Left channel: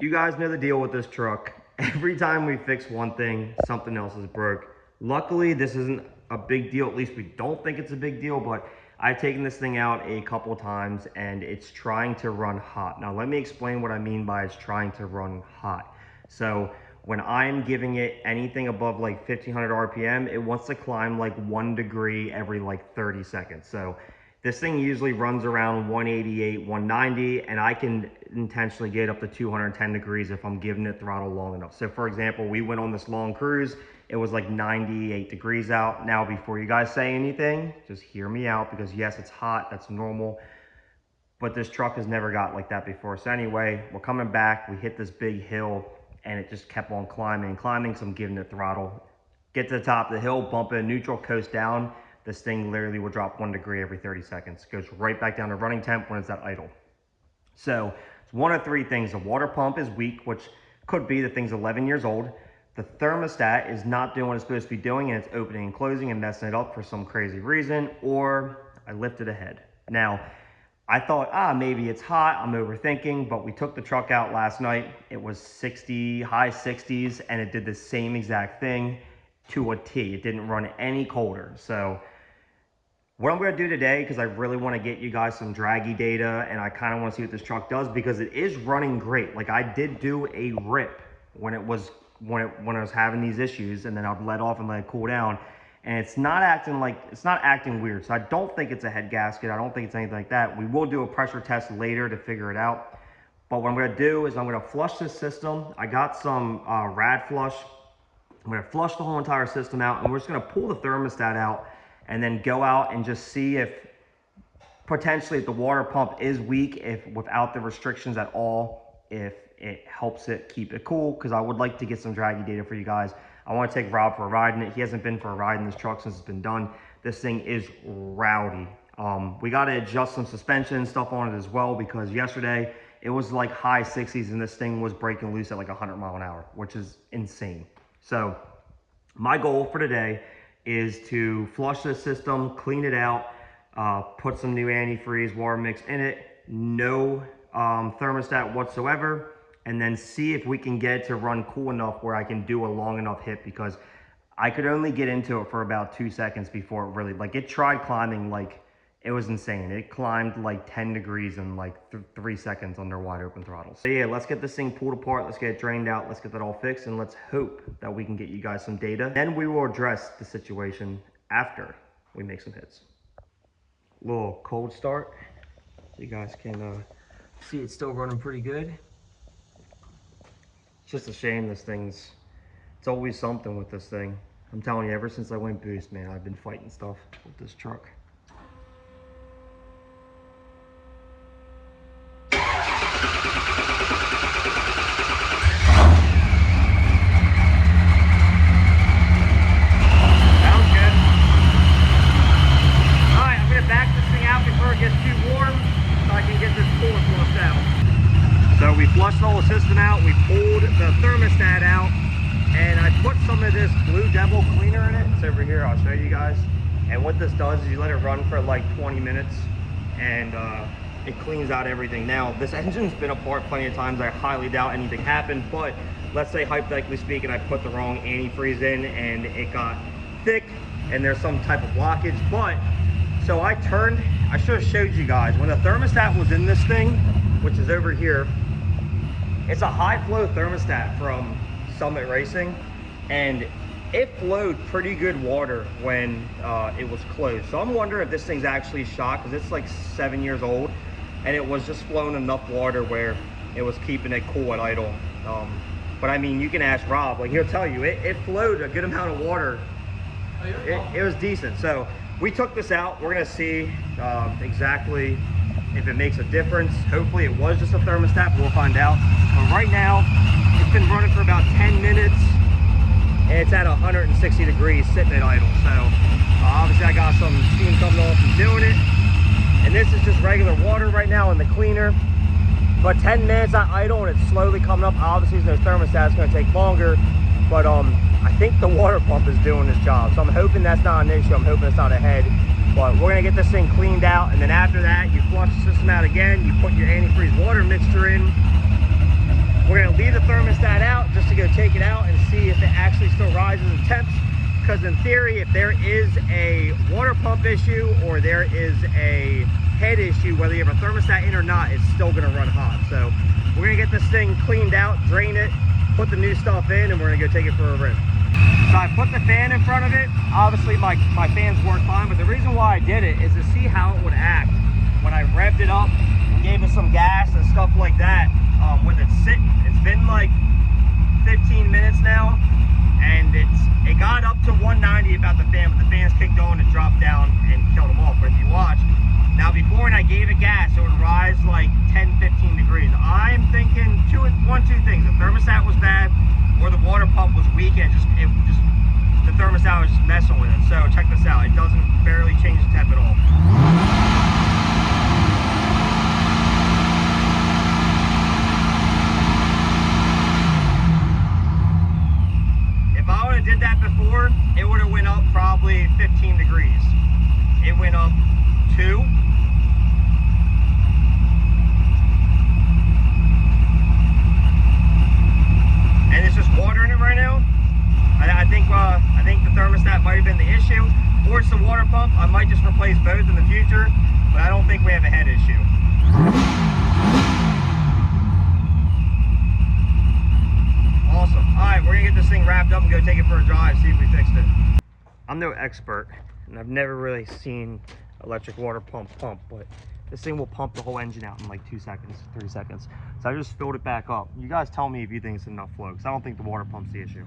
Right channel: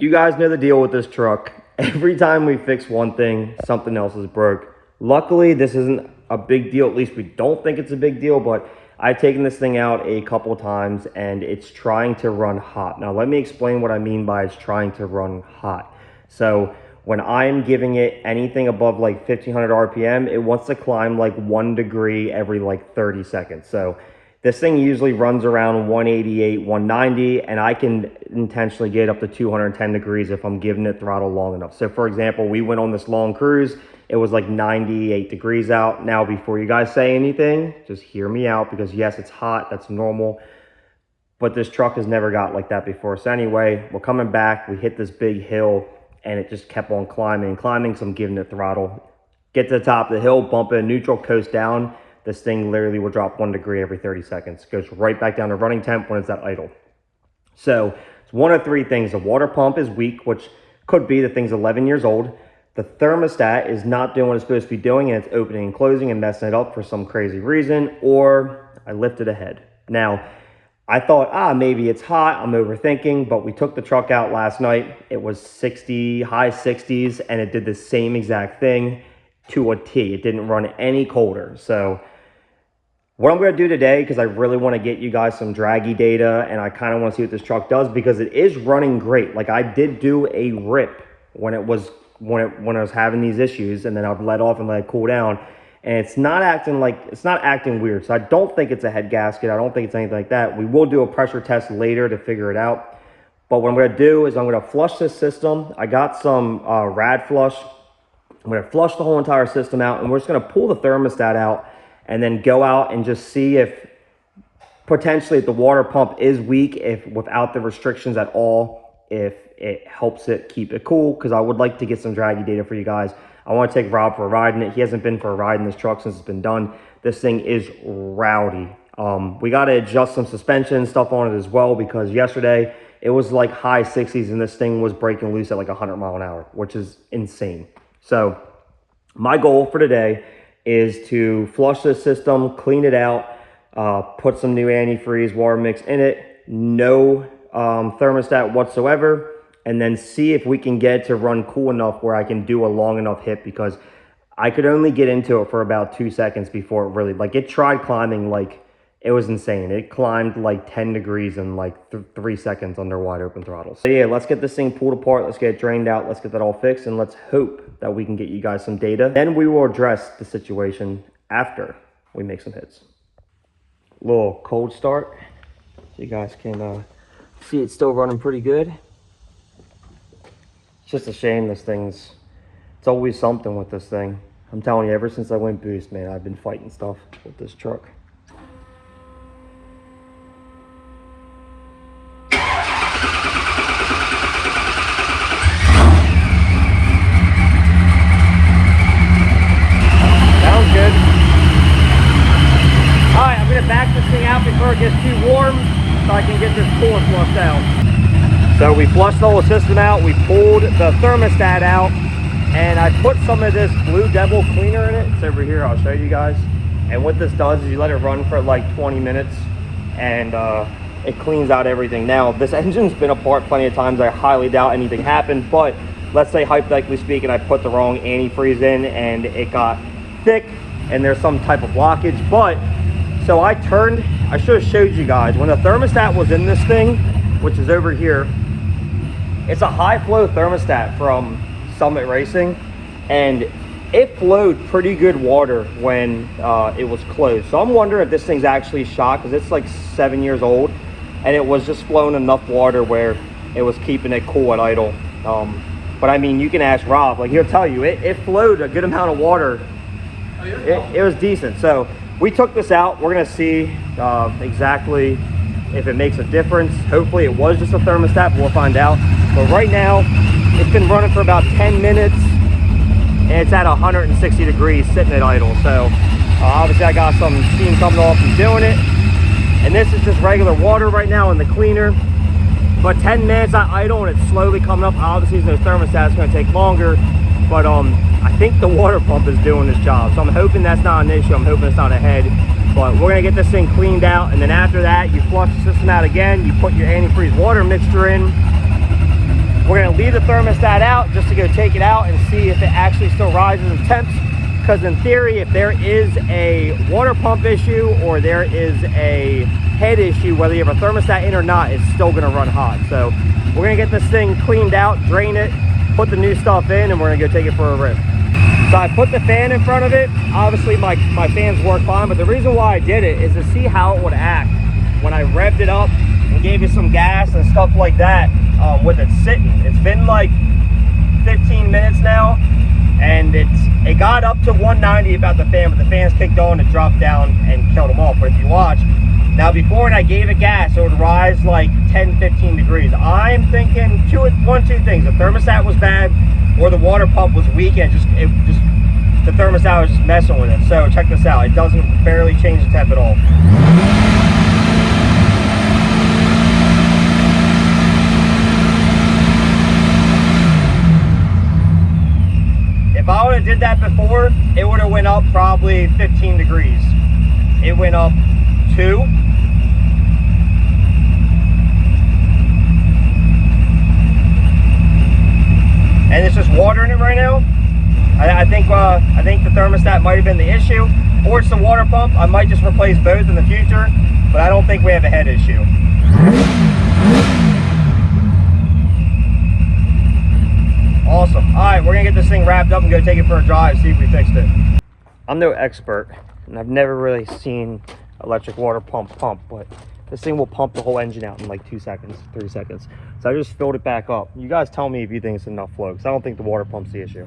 You guys know the deal with this truck. Every time we fix one thing, something else is broke. Luckily, this isn't a big deal. At least we don't think it's a big deal, but I've taken this thing out a couple times and it's trying to run hot. Now, let me explain what I mean by it's trying to run hot. So when I'm giving it anything above like 1500 RPM, it wants to climb like 1 degree every like 30 seconds. So this thing usually runs around 188, 190, and I can intentionally get up to 210 degrees if I'm giving it throttle long enough. So for example, we went on this long cruise. It was like 98 degrees out. Now, before you guys say anything, just hear me out, because yes, it's hot, that's normal, but this truck has never got like that before. So anyway, we're coming back, we hit this big hill and it just kept on climbing and climbing. So I'm giving it throttle, get to the top of the hill, bump in neutral, coast down. This thing literally will drop 1 degree every 30 seconds. Goes right back down to running temp when it's at idle. So it's one of three things. The water pump is weak, which could be the thing's 11 years old. The thermostat is not doing what it's supposed to be doing, and it's opening and closing and messing it up for some crazy reason, or I lifted a head. Now, I thought, maybe it's hot, I'm overthinking, but we took the truck out last night. It was 60, high 60s, and it did the same exact thing to a T. It didn't run any colder. So what I'm going to do today, because I really want to get you guys some draggy data, and I kind of want to see what this truck does, because it is running great. Like, I did do a rip when I was having these issues, and then I've let off and let it cool down, and it's not acting weird. So I don't think it's a head gasket. I don't think it's anything like that. We will do a pressure test later to figure it out. But what I'm going to do is I'm going to flush this system. I got some rad flush. I'm going to flush the whole entire system out, and we're just going to pull the thermostat out and then go out and just see if potentially if the water pump is weak, if without the restrictions at all, if it helps it keep it cool, because I would like to get some draggy data for you guys. I want to take Rob for a ride in it. He hasn't been for a ride in this truck since it's been done. This thing is rowdy. We got to adjust some suspension stuff on it as well, because yesterday it was like high 60s and this thing was breaking loose at like 100 mile an hour, which is insane. So my goal for today is to flush this system, clean it out, put some new antifreeze water mix in it, no thermostat whatsoever, and then see if we can get it to run cool enough where I can do a long enough hit, because I could only get into it for about 2 seconds before it really, like, it tried climbing, like, it was insane. It climbed like 10 degrees in like 3 seconds under wide open throttle. So yeah, let's get this thing pulled apart. Let's get it drained out. Let's get that all fixed, and let's hope that we can get you guys some data. Then we will address the situation after we make some hits. Little cold start, so you guys can see it's still running pretty good. It's just a shame it's always something with this thing. I'm telling you, ever since I went boost, man, I've been fighting stuff with this truck. Sounds good. All right, I'm gonna back this thing out before it gets too warm so I can get this coolant flushed out. So we flushed the whole system out, we pulled the thermostat out, and I put some of this Blue Devil cleaner in it. It's over here, I'll show you guys. And what this does is you let it run for like 20 minutes and it cleans out everything. Now, this engine's been apart plenty of times. I highly doubt anything happened, but let's say hypothetically speaking, I put the wrong antifreeze in and it got thick and there's some type of blockage. But so I should have showed you guys when the thermostat was in this thing, which is over here. It's a high flow thermostat from Summit Racing, and it flowed pretty good water when it was closed. So I'm wondering if this thing's actually shot, because it's like 7 years old and it was just flowing enough water where it was keeping it cool at idle. But I mean, you can ask Rob, like, he'll tell you it flowed a good amount of water. It was decent. So we took this out. We're gonna see exactly if it makes a difference. Hopefully it was just a thermostat, but we'll find out. But right now, it's been running for about 10 minutes, and it's at 160 degrees sitting at idle. So obviously I got some steam coming off from doing it. And this is just regular water right now in the cleaner. But 10 minutes at idle and it's slowly coming up. Obviously there's no thermostat, it's gonna take longer. But I think the water pump is doing its job. So I'm hoping that's not an issue. I'm hoping it's not a head. But we're gonna get this thing cleaned out, and then after that, you flush the system out again, you put your antifreeze water mixture in, We're gonna leave the thermostat out just to go take it out and see if it actually still rises in temps. Because in theory, if there is a water pump issue or there is a head issue, whether you have a thermostat in or not, it's still gonna run hot. So we're gonna get this thing cleaned out, drain it, put the new stuff in, and we're gonna go take it for a rip. So I put the fan in front of it. Obviously my fans work fine, but the reason why I did it is to see how it would act when I revved it up and gave it some gas and stuff like that with it sitting. It's been like 15 minutes now, and it got up to 190 about the fan, but the fans kicked on, it dropped down and killed them off. But if you watch, now before when I gave it gas, it would rise like 10-15 degrees. I'm thinking one, two things. The thermostat was bad, or the water pump was weak, and the thermostat was just messing with it. So check this out. It doesn't barely change the temp at all. If I would have did that before, it would have went up probably 15 degrees. It went up 2. And it's just water in it right now. I think the thermostat might have been the issue, or it's the water pump. I might just replace both in the future, but I don't think we have a head issue. Awesome. All right, we're gonna get this thing wrapped up and go take it for a drive, see if we fixed it. I'm no expert, and I've never really seen electric water pump, but this thing will pump the whole engine out in like 2 seconds, 3 seconds. So I just filled it back up. You guys tell me if you think it's enough flow, because I don't think the water pump's the issue.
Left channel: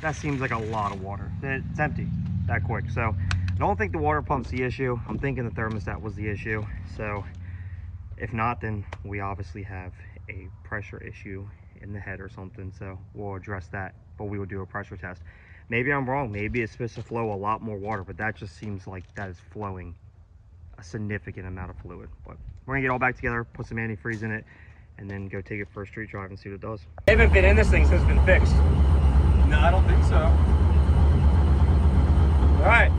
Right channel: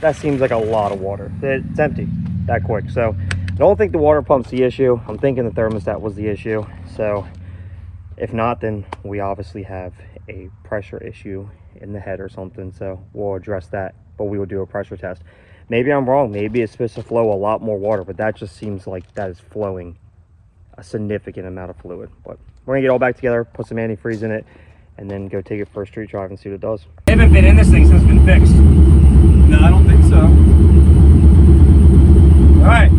That seems like a lot of water. It's empty that quick. So I don't think the water pump's the issue. I'm thinking the thermostat was the issue. So if not, then we obviously have a pressure issue in the head or something. So we'll address that, but we will do a pressure test. Maybe I'm wrong. Maybe it's supposed to flow a lot more water, but that just seems like that is flowing a significant amount of fluid. But we're gonna get it all back together, put some antifreeze in it, and then go take it for a street drive and see what it does. I haven't been in this thing since it's been fixed. No, I don't think so. All right.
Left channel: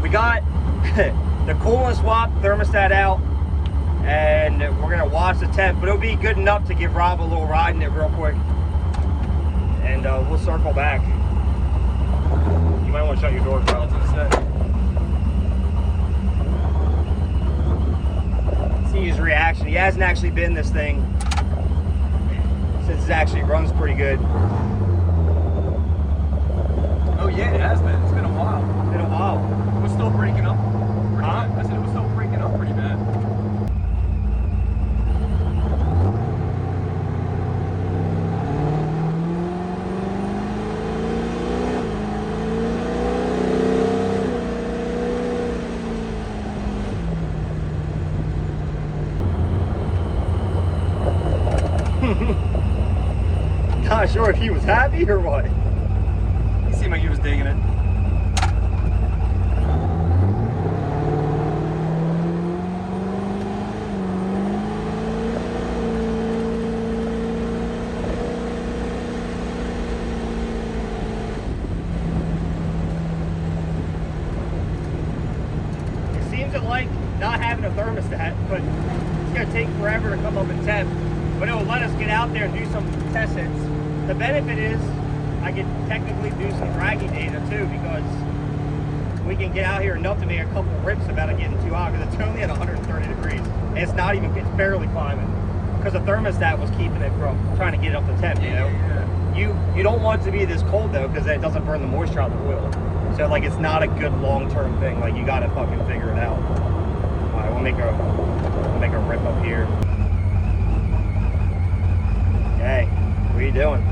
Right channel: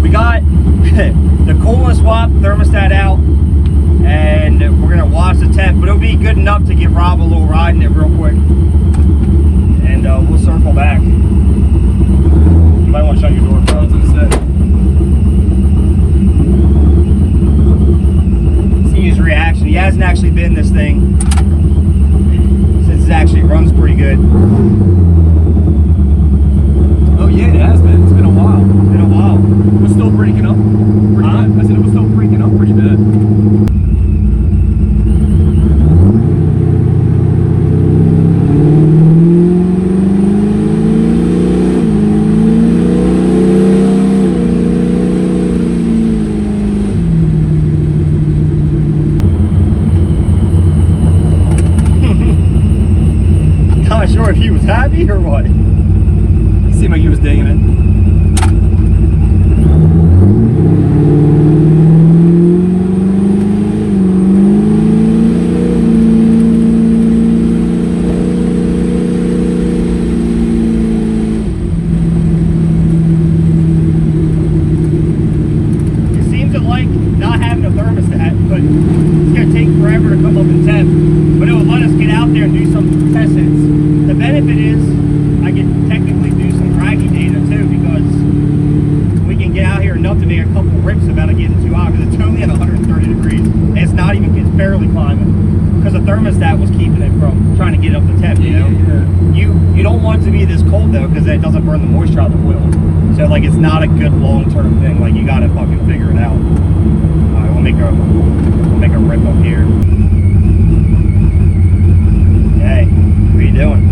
We got the coolant swap thermostat out, and we're gonna watch the temp, but it'll be good enough to give Rob a little ride in it real quick. And we'll circle back. You might want to shut your door. I was gonna say. See his reaction. He hasn't actually been in this thing since it actually runs pretty good. Oh yeah, it has been. It's been a while. It's been a while. It was still breaking up pretty bad. I said it was still breaking up pretty bad. Sure if he was happy or what. He seemed like he was digging it. It seems to like not having a thermostat, but it's gonna take forever to come up in temp. But it will let us get out there and do some test hits. The benefit is I can technically do some dragging data too, because we can get out here enough to make a couple rips about it getting too hot, because it's only at 130 degrees. And it's not even, it's barely climbing, because the thermostat was keeping it from trying to get up to temp, you know? You don't want it to be this cold though, because then it doesn't burn the moisture out of the wheel. So like it's not a good long-term thing. Like you gotta fucking figure it out. Alright, we'll make a rip up here. Hey, what are you doing?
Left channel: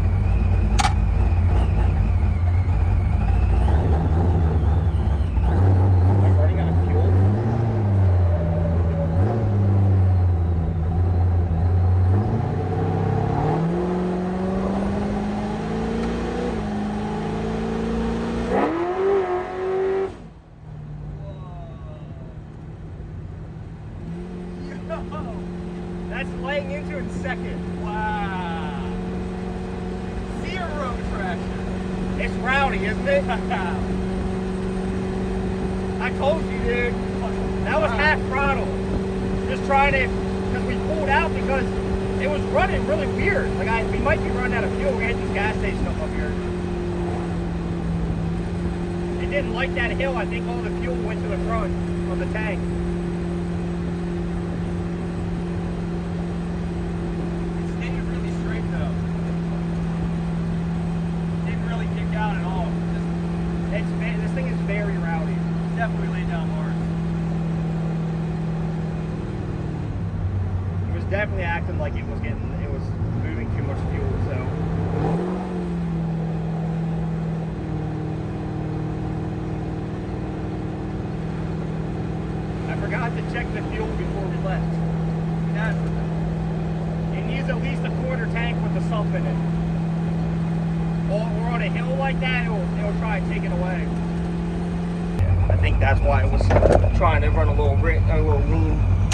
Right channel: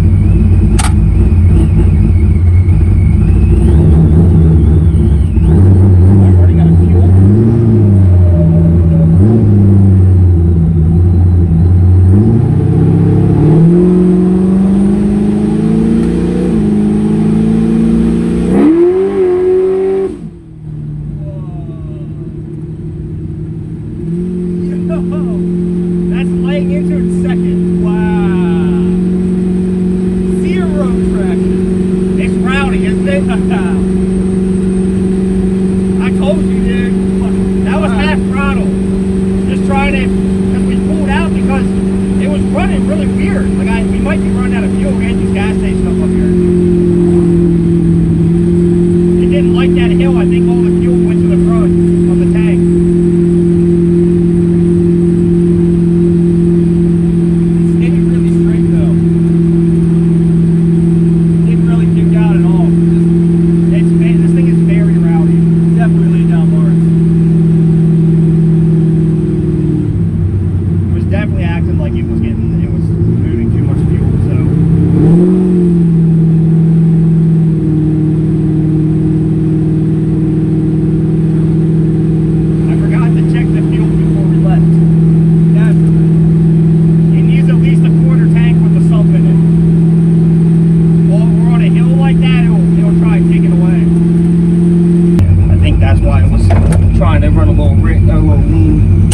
turn a little lean.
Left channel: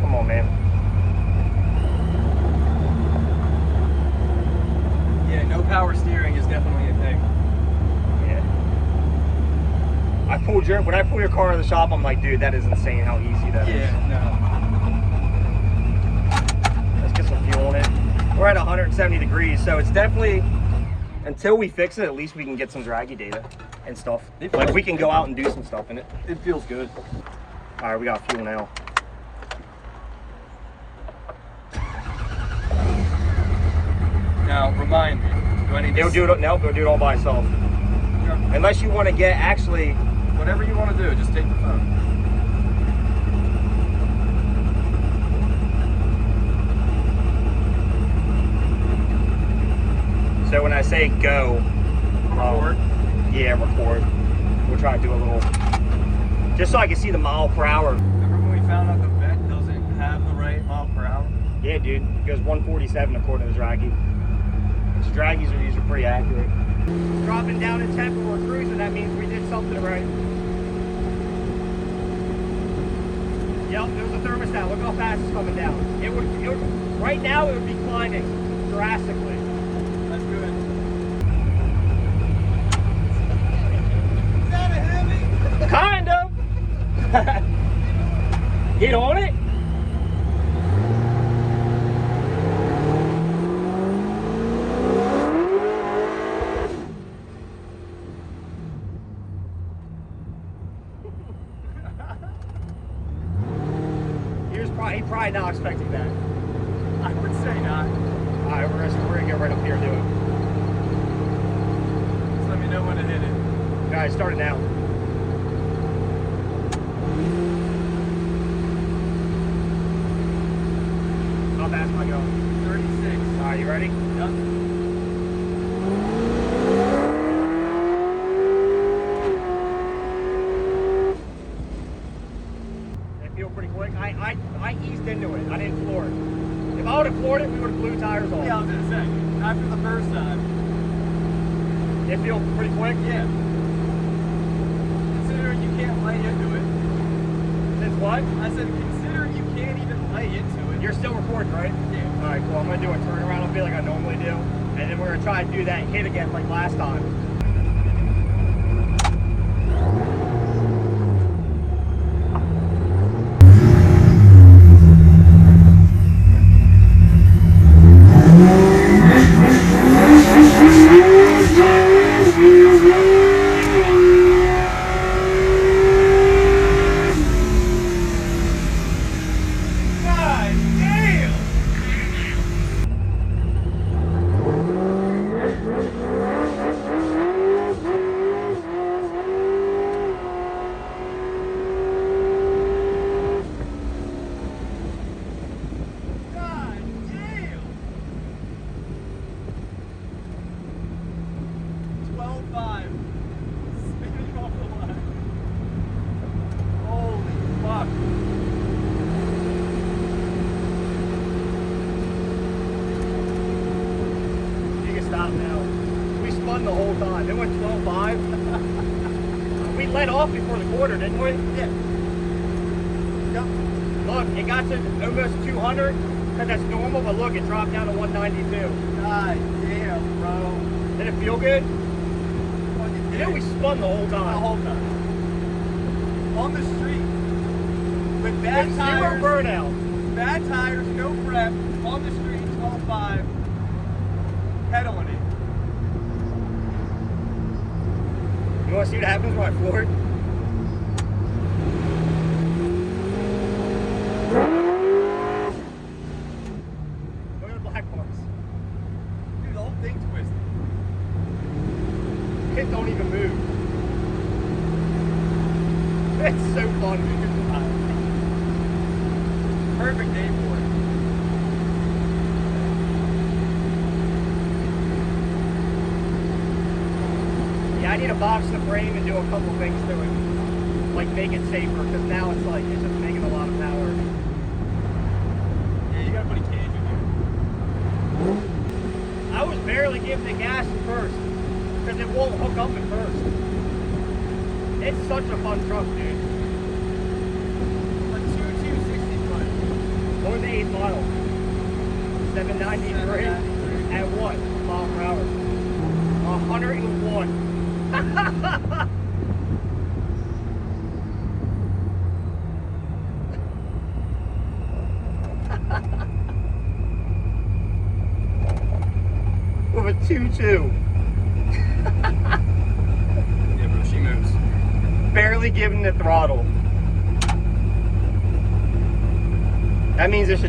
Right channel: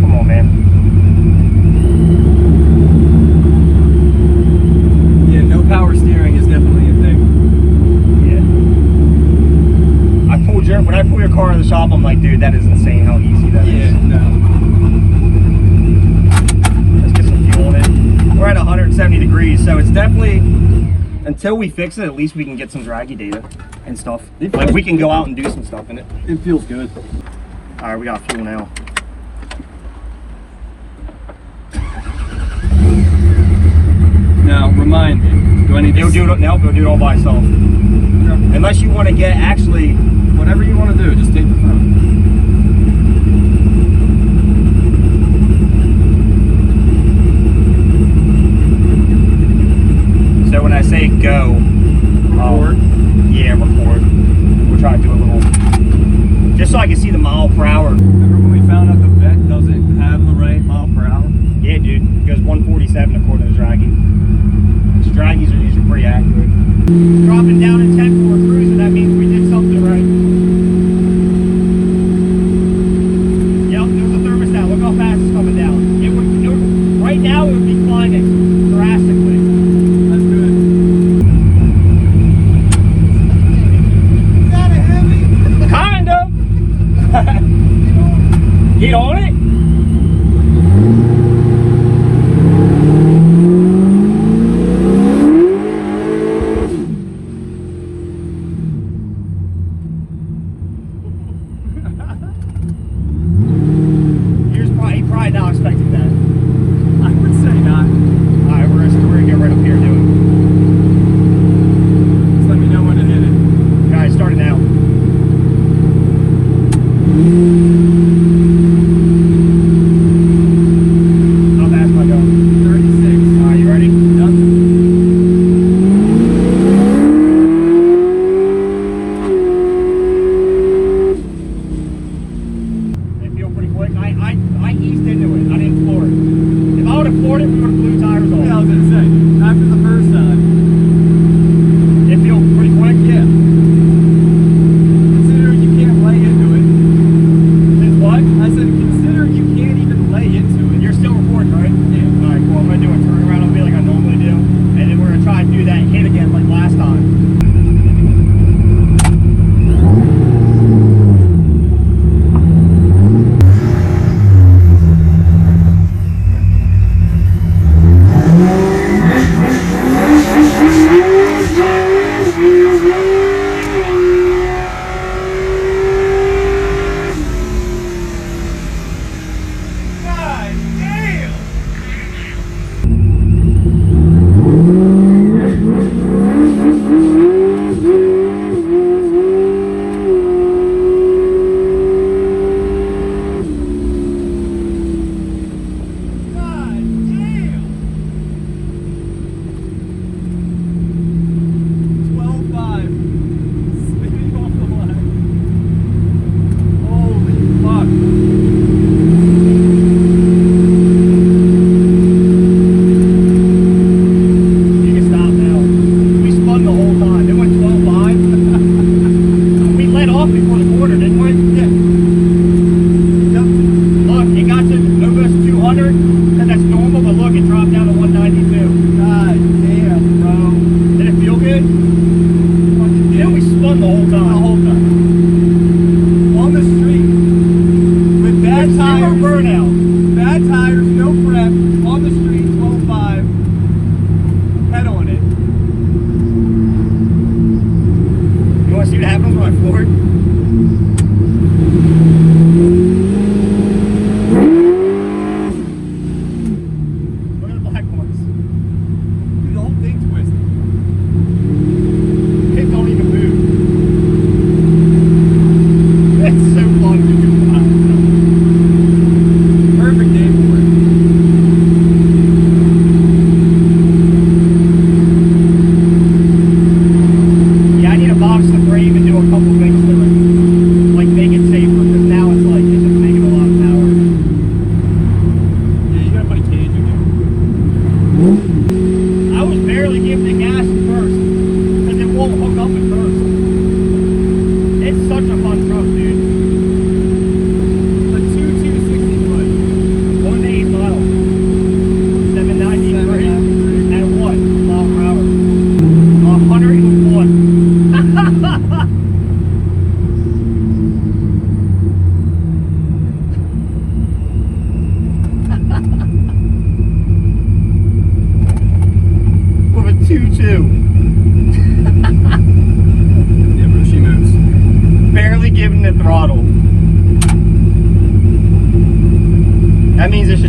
Come on, man. Yeah, no power steering is definitely a thing. Yeah. When I pull your car in the shop, I'm like, dude, that is insane how easy that is. Yeah, no. Let's get some fuel in it. We're at 170 degrees, so it's definitely, until we fix it, at least we can get some draggy data and stuff. Like, we can go out and do some stuff in it. It feels good. All right, we got fuel now. Now, remind me, do I need to... Nope, it'll do it all by itself. Unless you want to get, actually... Whatever you want to do, just take the phone. So when I say go... Record? Yeah, record. We'll try to do a little... Just so I can see the mile per hour. Remember when we found out the vet doesn't have the right mile per hour? Yeah, dude. It goes 147 according to draggy. So draggies are usually pretty accurate. Dropping down in temp for a cruiser, that means we did something right.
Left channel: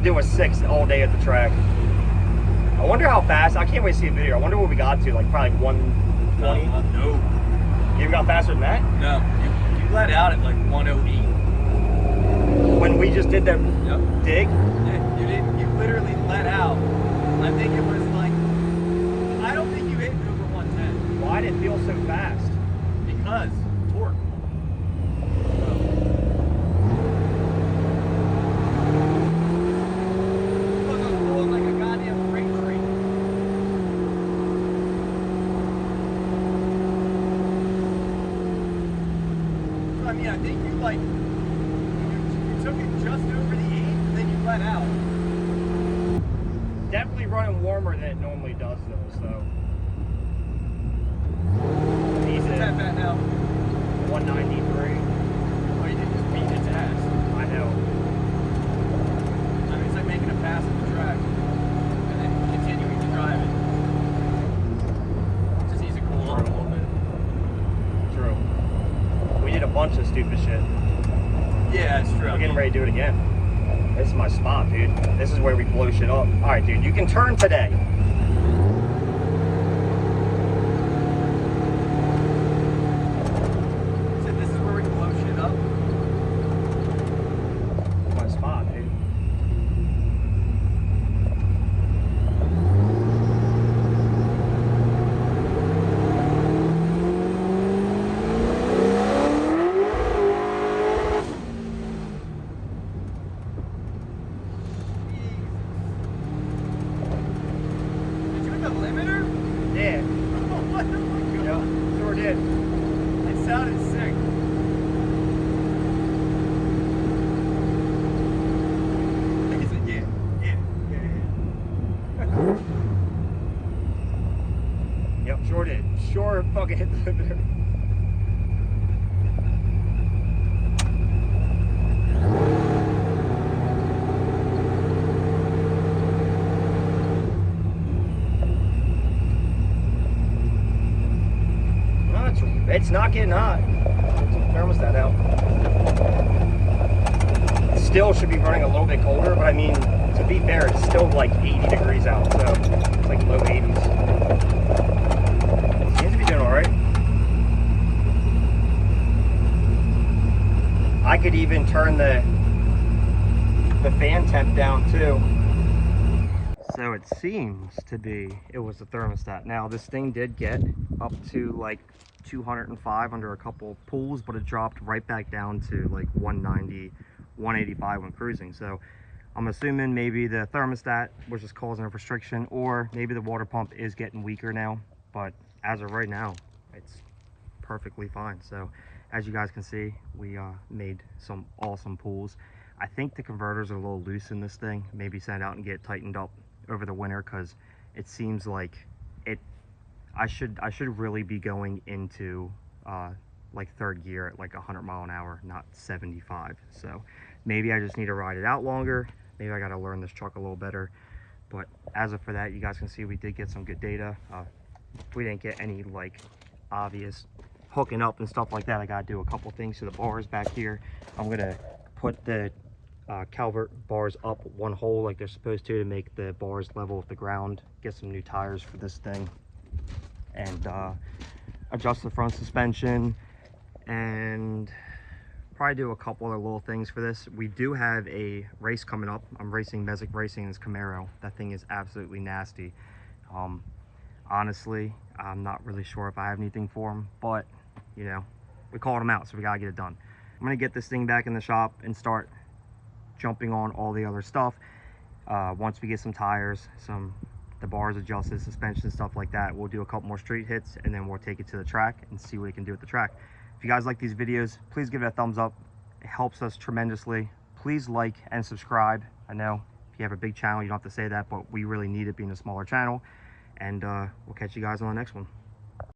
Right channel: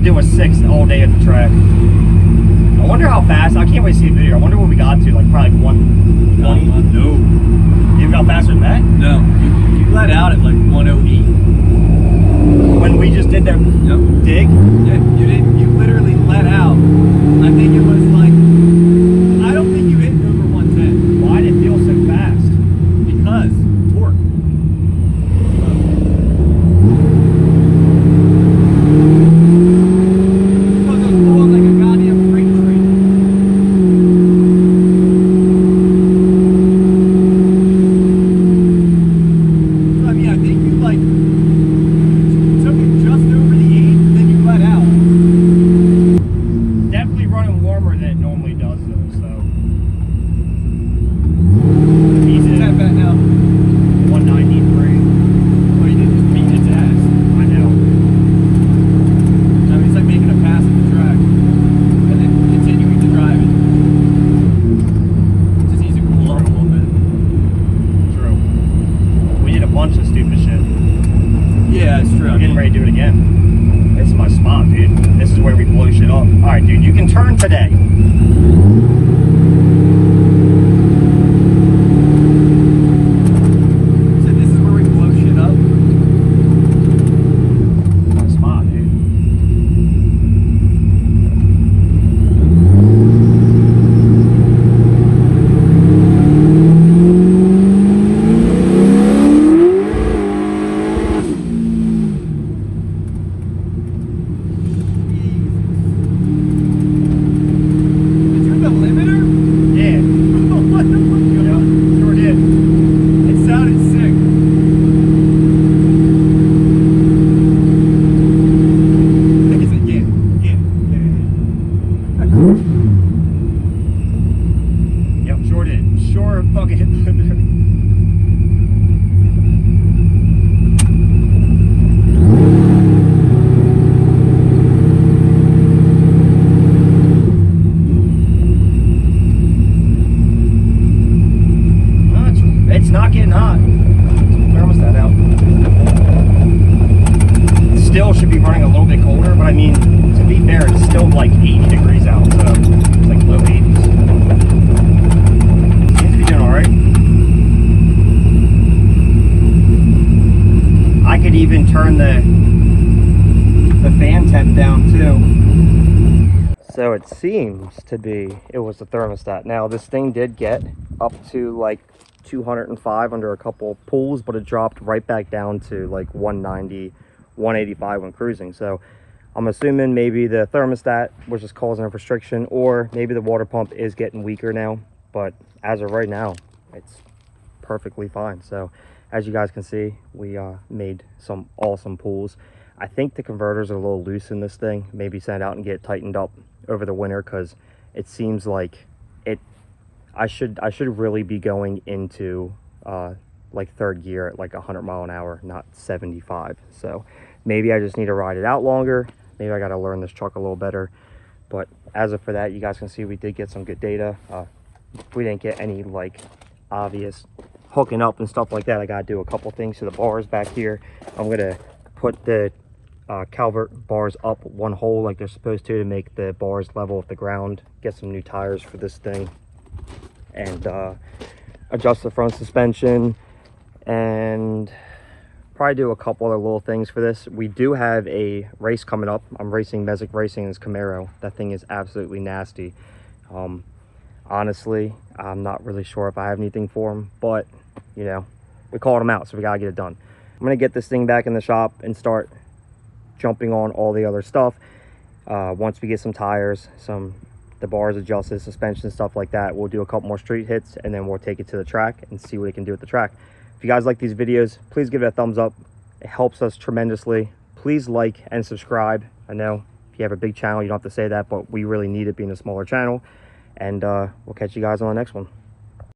do a 6 all day at the track. I wonder how fast. I can't wait to see a video. I wonder what we got to. Like probably 120. No. You got faster than that? No. You let out at like 108. When we just did that dig? Yeah, you didn't. You literally let out. I think it was like. I don't think you hit over 110. Why did it feel so fast? Because torque. Because it was pulling like a goddamn freight train. So, I mean, I think you like took it just over the 8, then you let out. Definitely running warmer than it normally does, though, so. Easy tap at now. 193. Oh, you didn't just beat its ass. I know. I mean, it's like making a pass at the track and then continuing to drive it. Just needs to cool off a little bit. True. We did a bunch of stupid shit. Yeah, that's true. We're getting ready to do it again. This is my spot, dude. This is where we blow shit up. Alright, dude, you can turn today. So this is where we blow shit up. My spot, dude. Did you hit the limiter? Yeah. What the fuck? Yep, sure did. It sounded sick. I think it's a yeah. Yep, sure did. Sure fucking hit the limiter. It's not getting hot. Where was that now? Still should be running a little bit colder, but I mean, to be fair, it's still like 80 degrees out, so it's like low 80s. Seems to be doing alright. I could even turn the fan temp down too. So it seems to be, it was the thermostat. Now this thing did get up to like 205 under a couple pulls, but it dropped right back down to like 190, 185 when cruising. So I'm assuming maybe the thermostat was just causing a restriction, or maybe the water pump is getting weaker now. But as of right now, it's perfectly fine. So as you guys can see, we made some awesome pulls. I think the converters are a little loose in this thing. Maybe send it out and get tightened up over the winter, because it seems like I should really be going into like third gear at like 100 mile an hour, not 75. So maybe I just need to ride it out longer. Maybe I got to learn this truck a little better. But as of for that, you guys can see we did get some good data. We didn't get any like obvious hooking up and stuff like that. I got to do a couple things to the bars back here. I'm gonna put the Calvert bars up one hole like they're supposed to make the bars level with the ground. Get some new tires for this thing, and adjust the front suspension, and probably do a couple other little things for this. We do have a race coming up. I'm racing Mesic Racing in this Camaro. That thing is absolutely nasty. Honestly, I'm not really sure if I have anything for him, but you know, we called him out, so we gotta get it done. I'm gonna get this thing back in the shop and start jumping on all the other stuff. Once we get some tires, the bars adjusted, suspension, stuff like that, we'll do a couple more street hits, and then we'll take it to the track and see what it can do at the track. If you guys like these videos, please give it a thumbs up. It helps us tremendously. Please like and subscribe. I know if you have a big channel, you don't have to say that, but we really need it being a smaller channel. And we'll catch you guys on the next one.